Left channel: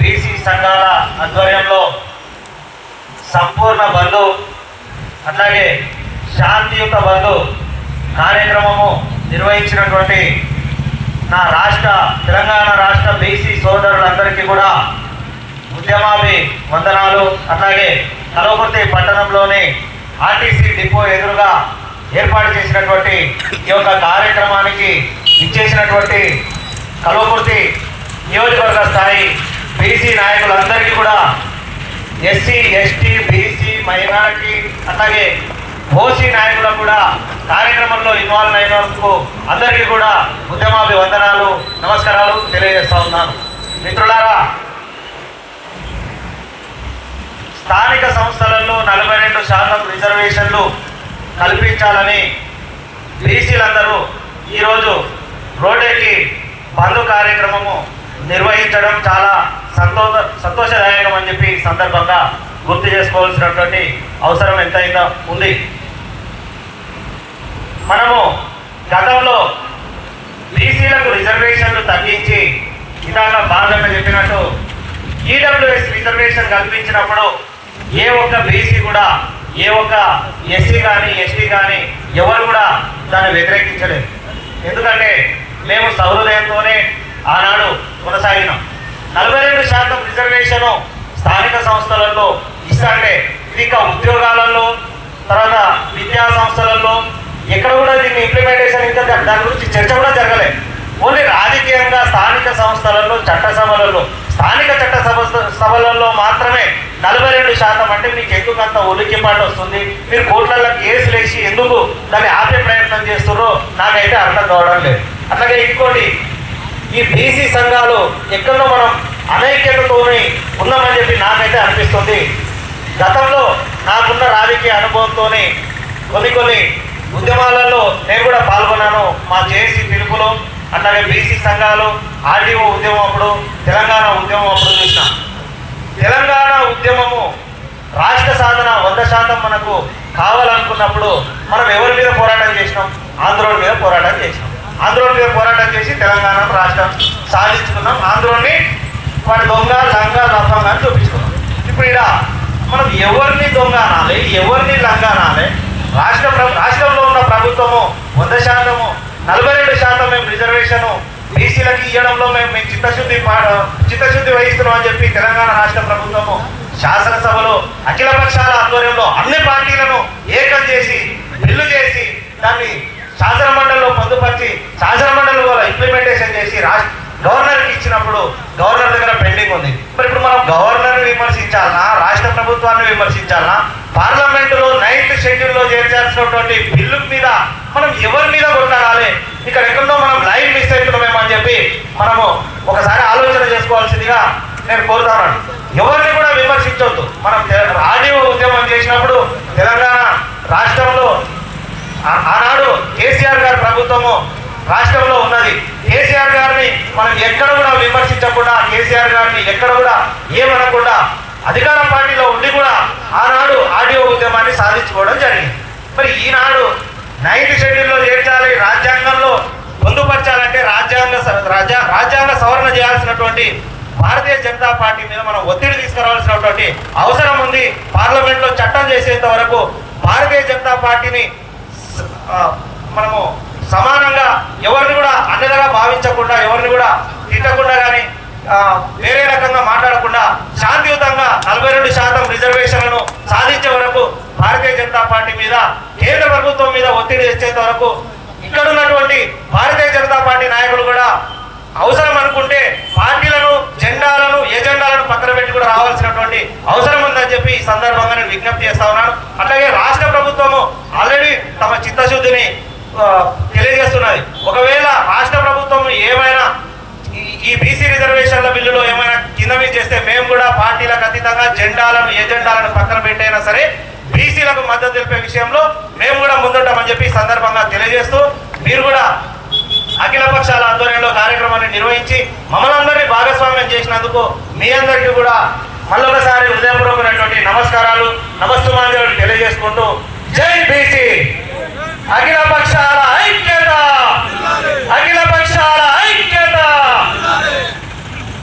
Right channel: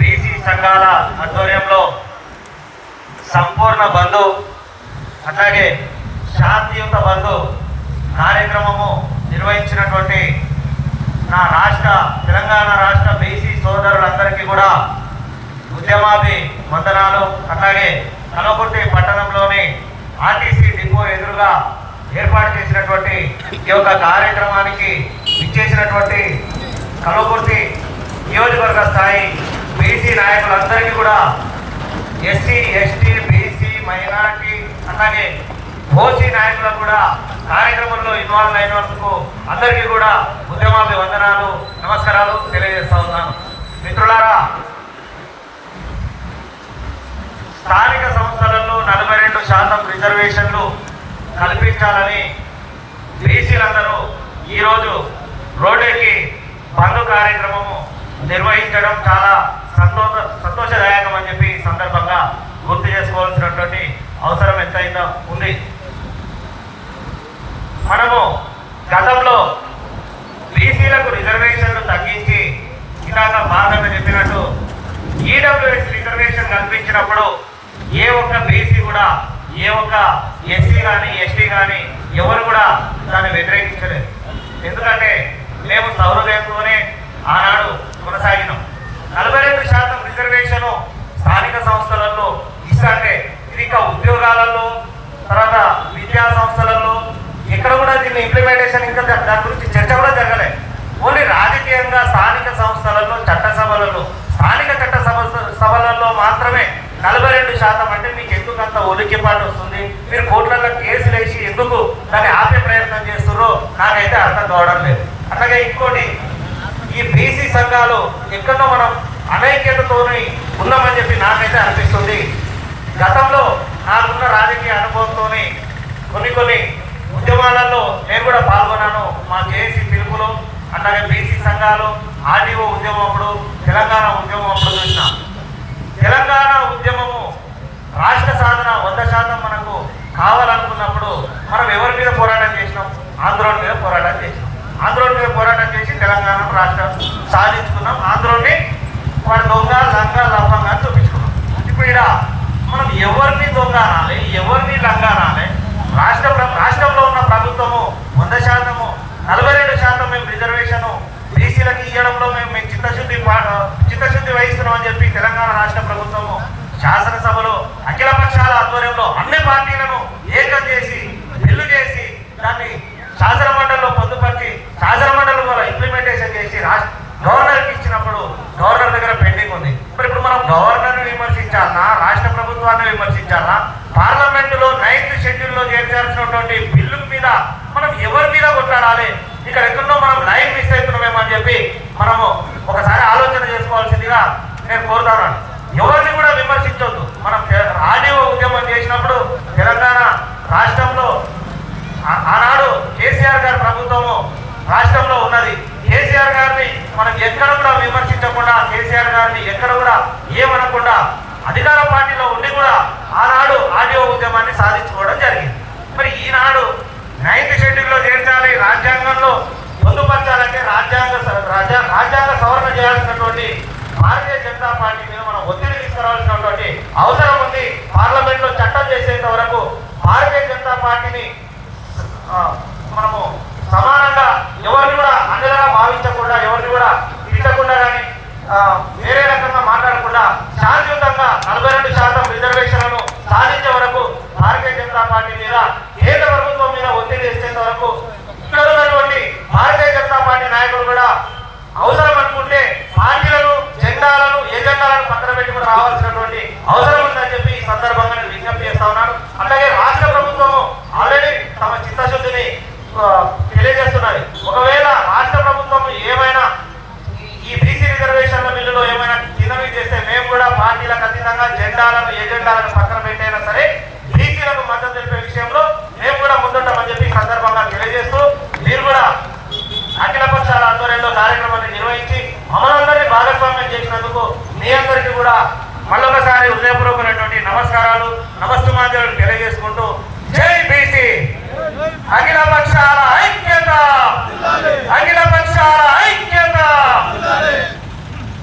BC సంఘాల ఆధ్వర్యంలో సంపూర్ణ బంధు అట్లాగే శాంతియుత బంధు కార్యక్రమము నిర్వహించినటువంటి నా తెలంగాణ రాష్ట్ర బీసీ సోదరులందరికీ కూడా ఉద్యమాభి వందనాలు. అట్లాగే కల్వకుర్తి పట్టణంలోని ఆర్టీసీ డిపో ఎదురుగా ఏర్పాటు చేసినటువంటి ఈ యొక్క కార్యక్రమానికి ఇచ్చేసినటువంటి కల్వకుర్తి నియోజకవర్గ స్థాయి బీసీ నాయకులందరికీ కూడా, ఎస్సీ ఎస్టీ బీసీ మైనారిటీ అట్లాగే ఓసీ నాయకులకు కూడా కార్యక్రమంలో ఇన్వాల్వ్ అయినందుకు అందరికీ కూడా ఉద్యమాభి వందనాలు, నమస్కారాలు తెలియజేస్తా ఉన్నాను. మిత్రులారా, స్థానిక సంస్థలలో 42% రిజర్వేషన్లు కల్పించాలని బీసీలందరూ ఈరోజు రోడ్డెక్కి బంధు కార్యక్రమము నిర్వహించడం చాలా సంతోషదాయకం అని చెప్పి సందర్భంగా గుర్తు చేసుకోవాల్సినటువంటి అవసరం ఎంతైనా ఉంది. మనము గతంలో బీసీలకు రిజర్వేషన్లు తగ్గించి ఇలాగ బాగా చెప్పినట్టు ఈడబ్ల్యూఎస్ రిజర్వేషన్ కల్పించినప్పుడు ఏ ఒక్క బీసీ కూడా, ఏ ఒక్క ఎస్సీ కానీ ఎస్టీ కానీ ఎవరు కూడా దాన్ని వ్యతిరేకించలేదు. ఎందుకంటే మేము సౌలభ్యంతోనే ఆనాడు కొనసాగినాం. 42% రిజర్వేషన్ స్థానిక సంస్థలలో ఇస్తారంటే ఇది ఇంకా ఉద్యోగాలలో, తర్వాత విద్యా సంస్థలలో ఎక్కడ కూడా దీన్ని ఇంప్లిమెంటేషన్ ఇంకా దాని గురించి చర్చ కూడా జరగలేదు. ఓన్లీ రాజకీయంగా స్థానిక సంస్థలలో, చట్టసభలలో, స్థానిక సభలలో మాత్రమే 42% అంటే మీకు ఎందుకు అంత ఉలిక్కిపాటు వస్తుంది, మీరు కోర్టులలో కేసులు వేసి ఎందుకు దాన్ని ఆపే ప్రయత్నం చేస్తారో నాకైతే అర్థం కావడం లేదు. అట్లాగే ఇంకోటి, ఈ బీసీ సంఘాలు ఎక్కడో మనం అనైక్యతతో ఉన్నామని చెప్పి నాకైతే అనిపిస్తుంది. గతంలో నాకున్న రాజకీయ అనుభవంతో కొన్ని ఉద్యమాలలో నేను కూడా పాల్గొన్నాను. మా జేఏసీ పిలుపులో అట్లాగే బీసీ సంఘాలు ఆర్డీఓ ఉద్యమం అప్పుడు, తెలంగాణ ఉద్యమం అప్పుడు చూసిన తెలంగాణ ఉద్యమము రాష్ట్ర సాధన 100% మనకు కావాలనుకున్నప్పుడు మనం ఎవరి మీద పోరాటం చేసినాం? ఆంధ్రోల మీద పోరాటం చేసినాం. ఆంధ్రోల మీద పోరాటం చేసి తెలంగాణ రాష్ట్రం సాధించుకున్నాం. ఆంధ్రోని వాడి దొంగ లంగా రఫంగా చూపిస్తున్నాం. ఇప్పుడు మనం ఎవరిని దొంగ అనాలి, ఎవరిని లంగా అనాలి? రాష్ట్రంలో ఉన్న ప్రభుత్వము 100%, 47% మేము రిజర్వేషన్ బీసీలకు ఇవ్వడంలో మేము చిత్తశుద్ధి వహిస్తున్నాం అని చెప్పి తెలంగాణ రాష్ట్ర ప్రభుత్వము శాసనసభలో అఖిల పక్షాల ఆధ్వర్యంలో అన్ని పార్టీలను ఏకం చేసి బిల్లు చేసి దాన్ని శాసన మండలిలో పొందుపరిచి శాసన మండలిలో ఇంప్లిమెంటేషన్ చేసి గవర్నర్కి ఇచ్చినప్పుడు గవర్నర్ దగ్గర పెండింగ్ ఉంది. ఇప్పుడు మనం గవర్నర్ని విమర్శించాలా, రాష్ట్ర ప్రభుత్వాన్ని విమర్శించాలా? పార్లమెంటులో 9th షెడ్యూల్లో చేర్చాల్సినటువంటి బిల్లు మీద మనం ఎవరి మీద కొట్టాలి? ఇక్కడ ఎక్కడో మనం లైన్ మిస్ అవుతున్నామేమని చెప్పి మనము ఒకసారి ఆలోచన చేసుకోవాల్సిందిగా నేను కోరుతున్నాను. ఎవరిని కూడా విమర్శించవద్దు. మనం ఆడియో ఉద్యమం చేసినప్పుడు తెలంగాణ రాష్ట్రంలో ఆనాడు కేసీఆర్ గారి ప్రభుత్వము రాష్ట్రంలో ఉన్నది. కేసీఆర్ గారిని మనం ఎక్కడ కూడా విమర్శించకుండా, కేసీఆర్ గారిని ఎక్కడ కూడా ఏమనకుండా అధికార పార్టీలో ఉండి కూడా ఆనాడు ఆడియో ఉద్యమాన్ని సాధించుకోవడం జరిగింది. మరి ఈనాడు 9th షెడ్యూల్లో చేర్చాలి, రాజ్యాంగంలో పొందుపరచాలంటే రాజ్యాంగ సవరణ చేయాల్సినటువంటి భారతీయ జనతా పార్టీ మీద మనం ఒత్తిడి తీసుకురావాల్సినటువంటి అవసరం ఉంది. పార్లమెంట్ లో చట్టం చేసేంత వరకు భారతీయ జనతా పార్టీని మనము సమానంగా ఎవరిని కూడా అండగా భావించకుండా, ఎవరిని కూడా తిట్టకుండా కానీ వేరే రకంగా మాట్లాడకుండా శాంతియుతంగా 42% రిజర్వేషన్లను సాధించే వరకు భారతీయ జనతా పార్టీ మీద, కేంద్ర ప్రభుత్వం మీద ఒత్తిడి తెచ్చేంత వరకు ఇక్కడ ఉన్నటువంటి భారతీయ జనతా పార్టీ నాయకులు కూడా అవసరం అనుకుంటే పార్టీలను, జెండాలను, ఏజెండాలను పక్కన పెట్టి కూడా రావాల్సినటువంటి అవసరం ఉందని చెప్పి ఈ సందర్భంగా నేను విజ్ఞప్తి చేస్తా ఉన్నాను. అలాగే రాష్ట్ర ప్రభుత్వము ఆల్రెడీ తమ చిత్తశుద్ధిని తెలియజేస్తున్నది. ఒకవేళ రాష్ట్ర ప్రభుత్వం ఏమైనా ఈ బీసీ రిజర్వేషన్ల బిల్లులో ఏమైనా కిందవి చేస్తే మేము కూడా పార్టీలకు అతీతంగా జెండాలను, ఏజెండాలను పక్కన పెట్టైనా సరే బీసీలకు మద్దతు తెలిపే విషయంలో మేము కూడా ముందుంటామని చెప్పి ఈ సందర్భంగా తెలియజేస్తూ, మీరు కూడా అఖిల పక్షాల ఆధ్వర్యంలో కార్యక్రమాన్ని నిర్వహించి మమ్మల్ని భాగస్వామ్యం చేసినందుకు మీ అందరికీ కూడా మళ్ళొకసారి